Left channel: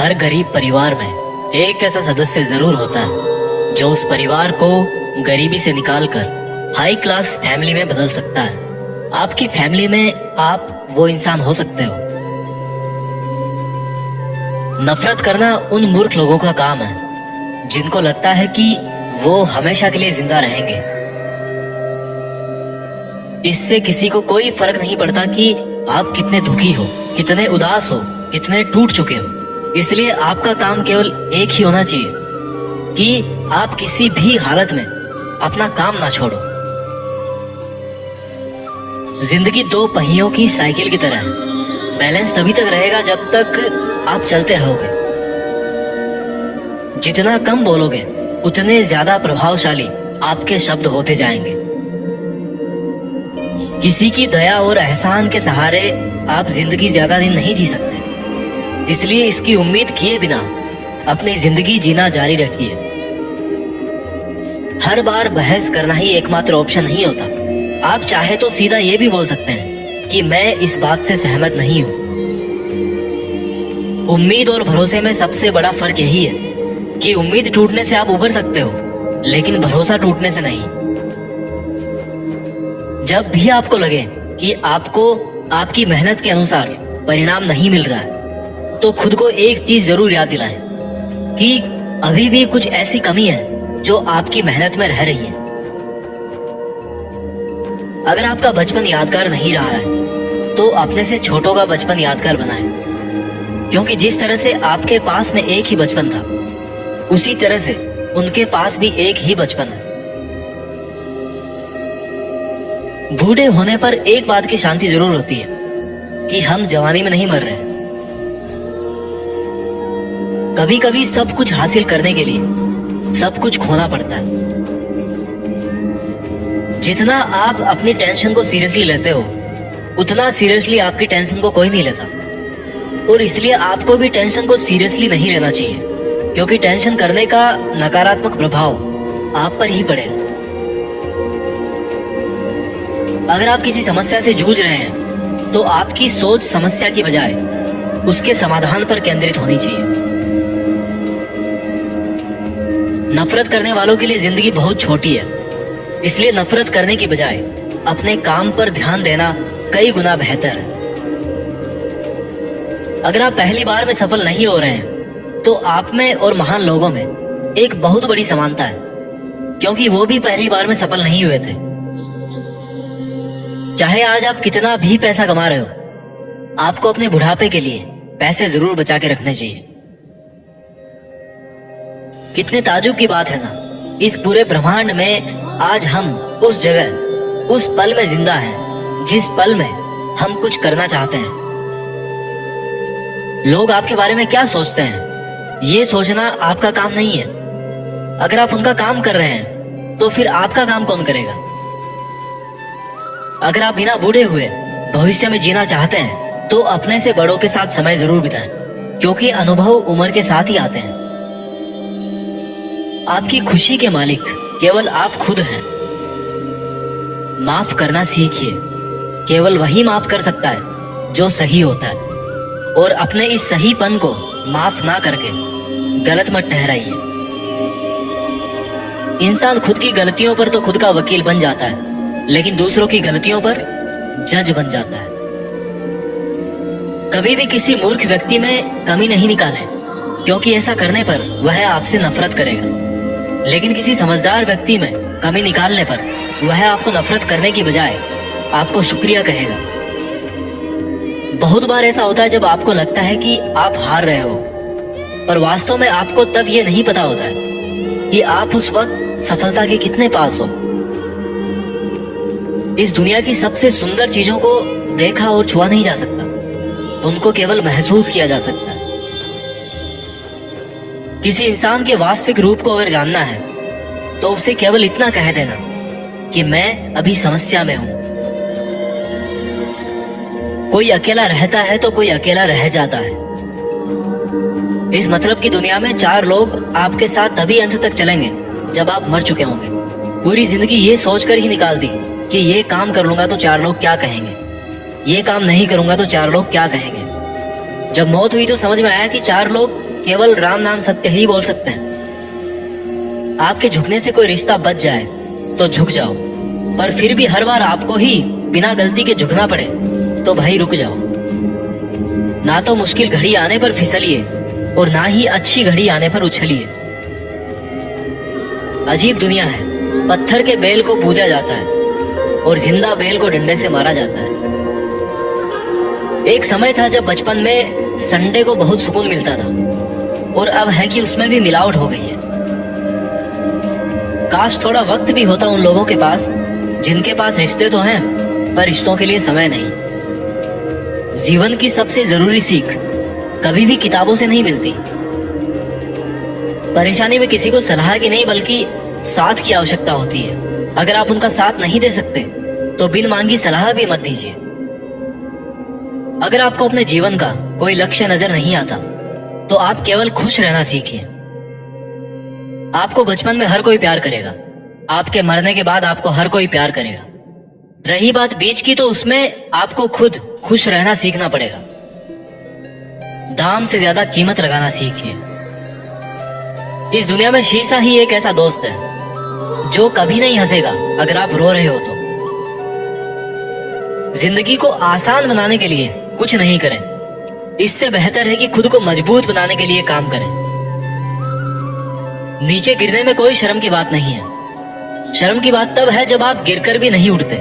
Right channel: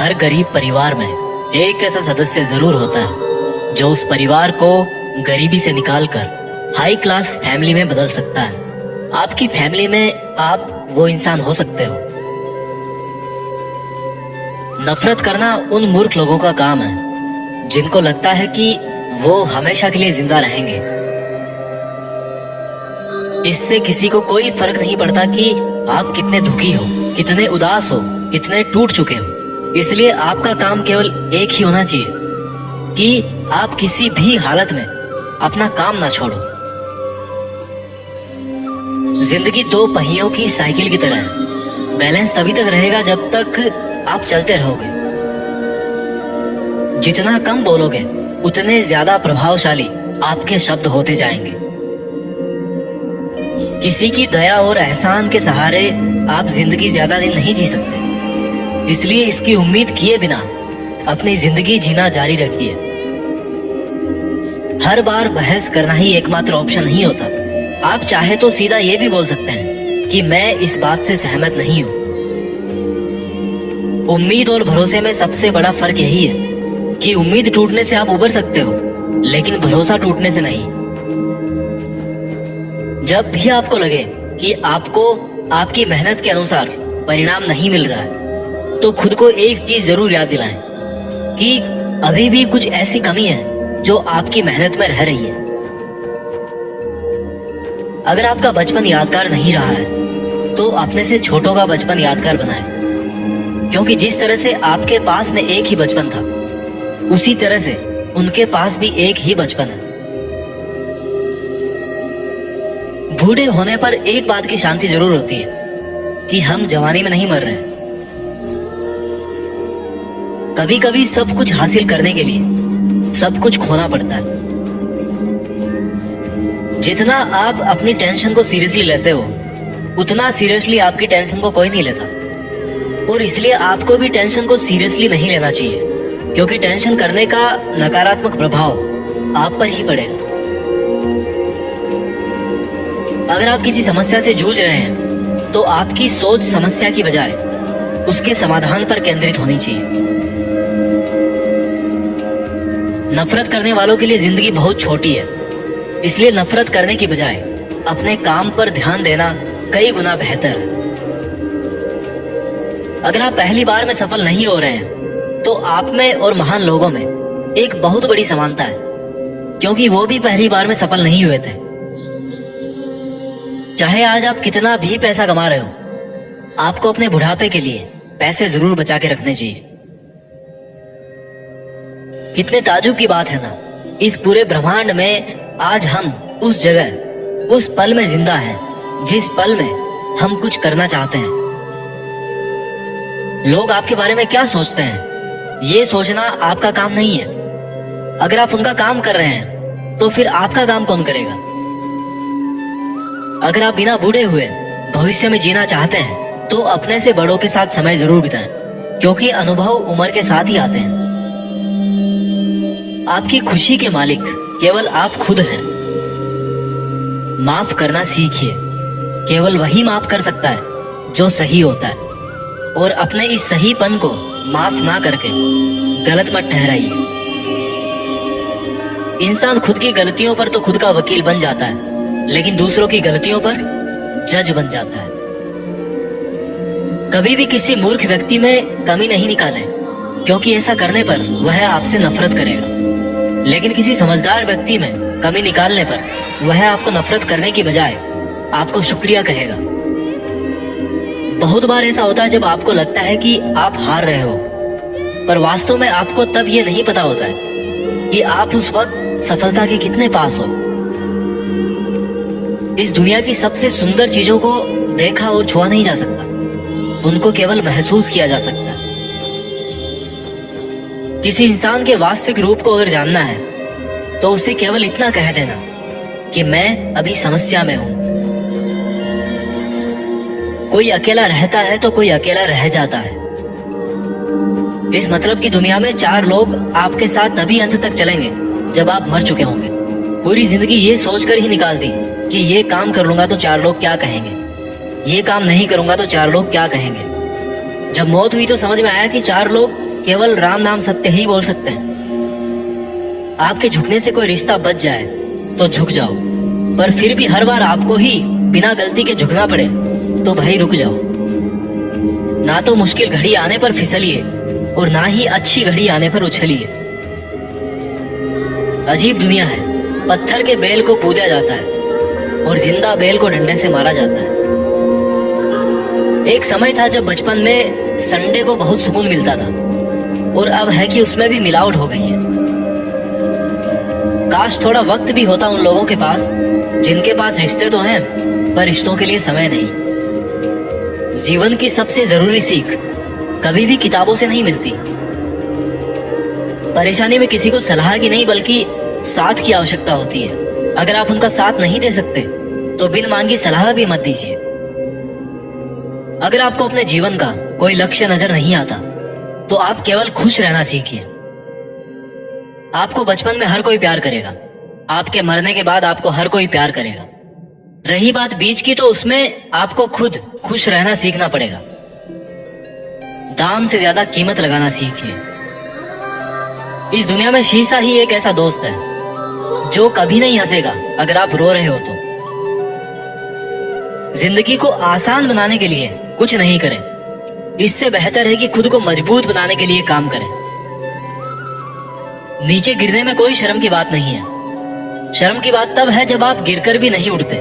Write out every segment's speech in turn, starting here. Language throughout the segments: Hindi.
हर गरीब परिवार में एक ऐसा सदस्य जरूर होता है जो उस परिवार को गरीबी से निकालकर हाई क्लास फैमिली में बदल सकता है। आपकी फैमिली में आप वो इंसान हो सकते हो। नफरत करना उन मूर्ख लोगों का काम है जिनको लगता है कि वो हमेशा के लिए जिंदा रहेंगे। इससे किसी को कोई फर्क नहीं पड़ता कि आप कितने दुखी हो, कितने उदास हो, कितने टूट चुके हो। इसलिए आपका काम केवल एक ही होना चाहिए कि आप किसी भी हालत में अपना काम ना छोड़ो। जिंदगी दो पहियों की साइकिल की तरह है। बैलेंस तभी तक रहेगा जब तक आप चलते रहोगे। जितना कम बोलोगे उतने ज्यादा प्रभावशाली आपके शब्द होते जाएंगे। किसी की दया और एहसान के सहारे आप जिंदगी ज्यादा दिन नहीं जी सकते। इसलिए इसकी उम्मीद किए बिना अपनी जिंदगी जीना जारी रखिए। हर बार बहस करना ही एकमात्र ऑप्शन नहीं होता। आप चाहे तो सीधा ये भी बोल सकते हैं कि मैं इस बात से सहमत नहीं हूं। उम्मीद और भरोसे में सबसे बड़ा फर्क यही है कि उम्मीद टूटने से आप उबर सकते हो, लेकिन भरोसा टूटने से नहीं। जब भी आपको लगे कि आपको आपकी मेहनत के अनुसार परिणाम नहीं मिल रहा है, तो खुद को एक चीज जरूर याद दिलाएं कि अभी भी कुछ ऐसी कमी है जो आपकी मेहनत में रह रही है। अगर आपका बचपन यादगार नहीं रहा है तो अपने से छोटों का बचपन यादगार बनाएं, क्योंकि जिस तरह से आपके पास में एक ही बचपन था, उसी तरह से उनके पास भी एक ही बचपन है। बूढ़े होने पर एक बात की शांति जरूर होती है कि हम जवानी में नहीं मर रहे। कभी कभी सब कुछ हासिल करने के लिए सब कुछ खोना पड़ता है। जितना आप अपनी टेंशन को सीरियसली लेते हो, उतना सीरियसली आपकी टेंशन को कोई नहीं लेता। और इसलिए आपको भी टेंशन को सीरियसली नहीं लेना चाहिए, क्योंकि टेंशन करने का नकारात्मक प्रभाव आप पर ही पड़ेगा। अगर आप किसी समस्या से जूझ रहे हैं तो आपकी सोच समस्या की बजाय उसके समाधान पर केंद्रित होनी चाहिए। नफरत करने वालों के लिए जिंदगी बहुत छोटी है, इसलिए नफरत करने की बजाय अपने काम पर ध्यान देना कई गुना बेहतर है। अगर आप पहली बार में सफल नहीं हो रहे हैं तो आप में और महान लोगों में एक बहुत बड़ी समानता है, क्योंकि वो भी पहली बार में सफल नहीं हुए थे। चाहे आज आप कितना भी पैसा कमा रहे हो, आपको अपने बुढ़ापे के लिए पैसे जरूर बचा के रखने चाहिए। कितने ताजुब की बात है ना, इस पूरे ब्रह्मांड में आज हम उस जगह, उस पल में जिंदा हैं जिस पल में हम कुछ करना चाहते हैं। लोग आपके बारे में क्या सोचते हैं, ये सोचना आपका काम नहीं है। अगर आप उनका काम कर रहे हैं तो फिर आपका काम कौन करेगा? अगर आप बिना बूढ़े हुए भविष्य में जीना चाहते हैं तो अपने से बड़ों के साथ समय जरूर बिताएं, क्योंकि अनुभव उम्र के साथ ही आते हैं। आपकी खुशी के मालिक केवल आप खुद हैं। माफ करना सीखिए। केवल वही माफ कर सकता है जो सही होता है, और अपने इस सहीपन को माफ ना करके गलत मत ठहराइए। इंसान खुद की गलतियों पर तो खुद का वकील बन जाता है, लेकिन दूसरों की गलतियों पर जज बन जाता है। कभी भी किसी मूर्ख व्यक्ति में कमी नहीं निकालें, क्योंकि ऐसा करने पर वह आपसे नफरत करेगा। लेकिन किसी समझदार व्यक्ति में कमी निकालने पर वह आपको नफरत करने की बजाय आपको शुक्रिया कहेगा। बहुत बार ऐसा होता है जब आपको लगता है कि आप हार रहे हो, पर वास्तव में आपको तब ये नहीं पता होता है कि आप उस वक्त सफलता के कितने पास हो। इस दुनिया की सबसे सुंदर चीजों को देखा और छुआ नहीं जा सकता, उनको केवल महसूस किया जा सकता है। किसी इंसान के वास्तविक रूप को अगर जानना है तो उसे केवल इतना कह देना कि मैं अभी समस्या में हूं। कोई अकेला रहता है तो कोई अकेला रह जाता है। इस मतलब की दुनिया में 4 लोग आपके साथ तभी अंत तक चलेंगे जब आप मर चुके होंगे। पूरी जिंदगी ये सोचकर ही निकाल दी कि ये काम कर लूंगा तो 4 लोग क्या कहेंगे, ये काम नहीं करूंगा तो 4 लोग क्या कहेंगे। जब मौत हुई तो समझ में आया कि 4 लोग केवल राम नाम सत्य ही बोल सकते हैं। आपके झुकने से कोई रिश्ता बच जाए तो झुक जाओ, पर फिर भी हर बार आपको ही बिना गलती के झुकना पड़े तो भाई रुक जाओ। ना तो मुश्किल घड़ी आने पर फिसलिए और ना ही अच्छी घड़ी आने पर उछलिए। अजीब दुनिया है, पत्थर के बैल को पूजा जाता है और जिंदा बैल को डंडे से मारा जाता है। एक समय था जब बचपन में संडे को बहुत सुकून मिलता था, और अब है कि उसमें भी मिलावट हो गई है। काश थोड़ा वक्त भी होता उन लोगों के पास जिनके पास रिश्ते तो हैं पर रिश्तों के लिए समय नहीं। जीवन की सबसे जरूरी सीख कभी भी किताबों से नहीं मिलती। परेशानी में किसी को सलाह की नहीं बल्कि साथ की आवश्यकता होती है। अगर आप उनका साथ नहीं दे सकते तो बिन मांगी सलाह भी मत दीजिए। अगर आपको अपने जीवन का कोई लक्ष्य नजर नहीं आता तो आप केवल खुश रहना सीखिए। आपको बचपन में हर कोई प्यार करेगा, आपके मरने के बाद आपको हर कोई प्यार करेगा। रही बात बीच की, तो उसमें आपको खुद खुश रहना सीखना पड़ेगा। दाम से ज्यादा कीमत लगाना सीखिए। इस दुनिया में शीशा ही एक ऐसा दोस्त है जो कभी नहीं हंसेगा अगर आप रो रहे हो तो। जिंदगी को आसान बनाने के लिए कुछ नहीं करें, इससे बेहतर है कि खुद को मजबूत बनाने के लिए काम करें। नीचे गिरने में कोई शर्म की बात नहीं है। शर्म की बात तब है जब आप गिरकर भी नहीं उठते।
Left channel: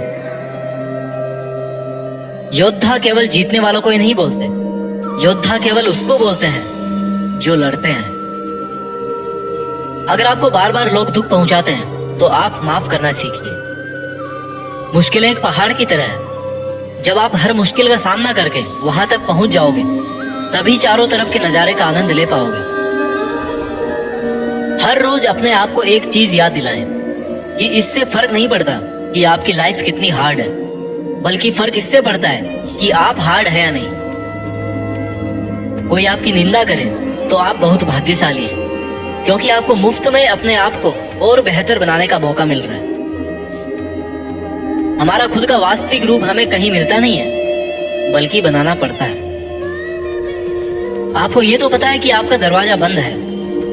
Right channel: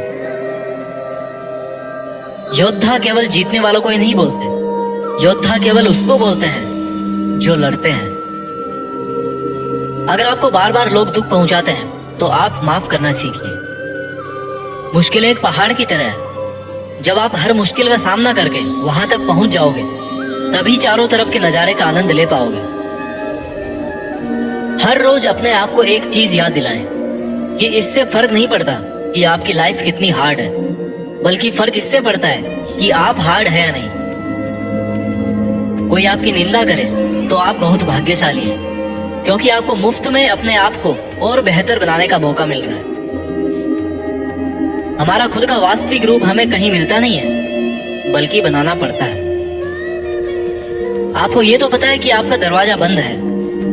योद्धा केवल जीतने वालों को ही नहीं बोलते, योद्धा केवल उसको बोलते हैं जो लड़ते हैं। अगर आपको बार बार लोग दुख पहुंचाते हैं तो आप माफ करना सीखिए। मुश्किलें एक पहाड़ की तरह है, जब आप हर मुश्किल का सामना करके वहां तक पहुंच जाओगे तभी चारों तरफ के नजारे का आनंद ले पाओगे। हर रोज अपने आप को एक चीज याद दिलाएं कि इससे फर्क नहीं पड़ता कि आपकी लाइफ कितनी हार्ड है, बल्कि फर्क इससे पड़ता है कि आप हार्ड है या नहीं। कोई आपकी निंदा करे तो आप बहुत भाग्यशाली हैं, क्योंकि आपको मुफ्त में अपने आप को और बेहतर बनाने का मौका मिल रहा है। हमारा खुद का वास्तविक रूप हमें कहीं मिलता नहीं है, बल्कि बनाना पड़ता है। आपको ये तो पता है कि आपका दरवाजा बंद है,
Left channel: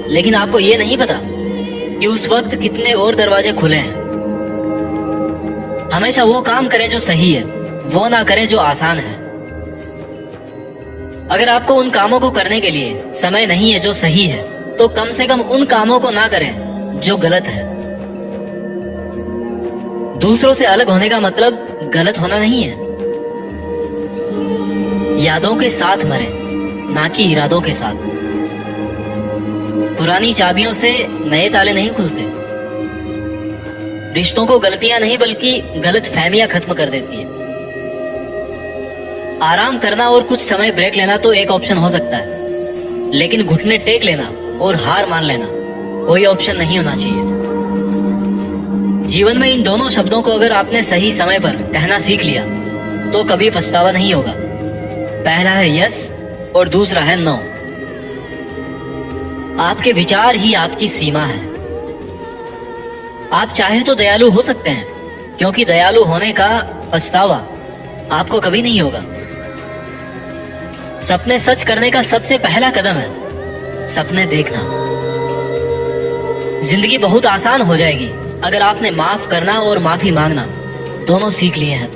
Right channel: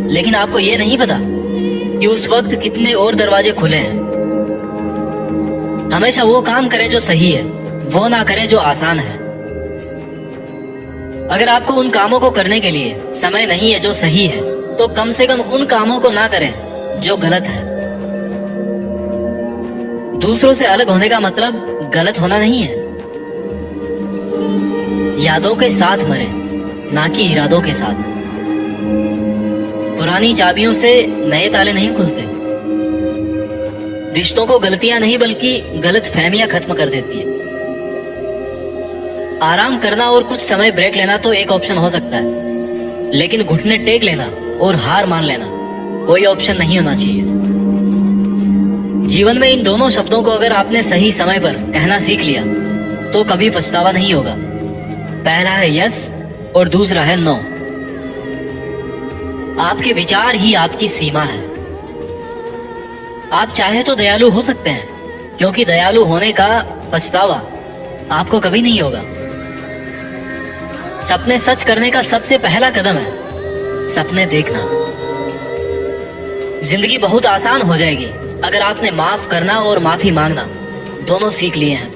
लेकिन आपको ये नहीं पता कि उस वक्त कितने और दरवाजे खुले हैं। हमेशा वो काम करें जो सही है, वो ना करें जो आसान है। अगर आपको उन कामों को करने के लिए समय नहीं है जो सही है, तो कम से कम उन कामों को ना करें जो गलत है। दूसरों से अलग होने का मतलब गलत होना नहीं है। यादों के साथ मरे, ना कि इरादों के साथ। पुरानी चाबियों से नए ताले नहीं खुलते। रिश्तों को गलतियां नहीं बल्कि गलत फहमियां खत्म कर देती है। आराम करना और कुछ समय ब्रेक लेना तो एक ऑप्शन हो सकता है, लेकिन घुटने टेक लेना और हार मान लेना कोई ऑप्शन नहीं होना चाहिए। जीवन में इन दोनों शब्दों को अगर आपने सही समय पर कहना सीख लिया तो कभी पछतावा नहीं होगा। पहला है यस और दूसरा है नो। आपके विचार ही आपकी सीमा है। आप चाहे तो दयालु हो सकते हैं, क्योंकि दयालु होने का पछतावा आपको कभी नहीं होगा। सपने सच करने का सबसे पहला कदम है सपने देखना। जिंदगी बहुत आसान हो जाएगी अगर आपने माफ करना और माफी मांगना दोनों सीख लिए हैं।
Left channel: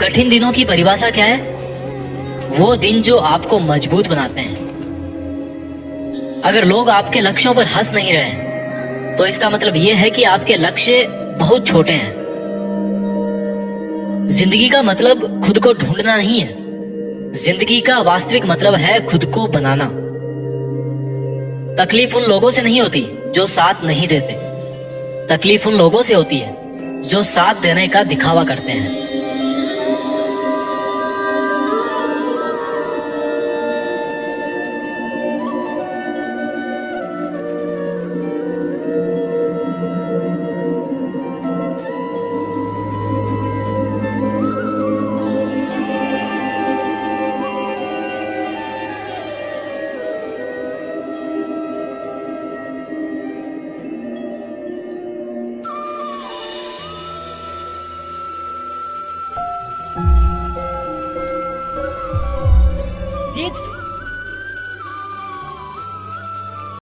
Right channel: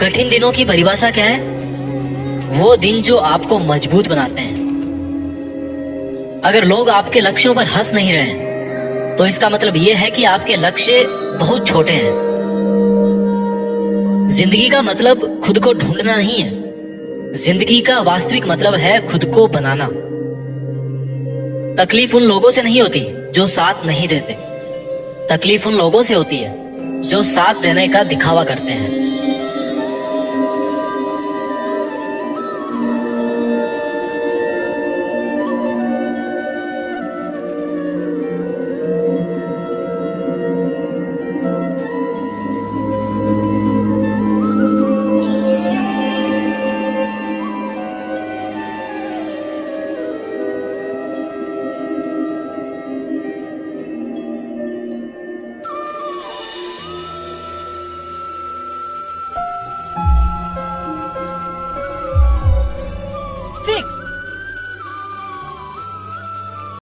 कठिन दिनों की परिभाषा क्या है? वो दिन जो आपको मजबूत बनाते हैं। अगर लोग आपके लक्ष्यों पर हंस नहीं रहे तो इसका मतलब यह है कि आपके लक्ष्य बहुत छोटे हैं। जिंदगी का मतलब खुद को ढूंढना नहीं है, जिंदगी का वास्तविक मतलब है खुद को बनाना। तकलीफ उन लोगों से नहीं होती जो साथ नहीं देते, तकलीफ उन लोगों से होती है जो साथ देने का दिखावा करते हैं। जीत फिक्स।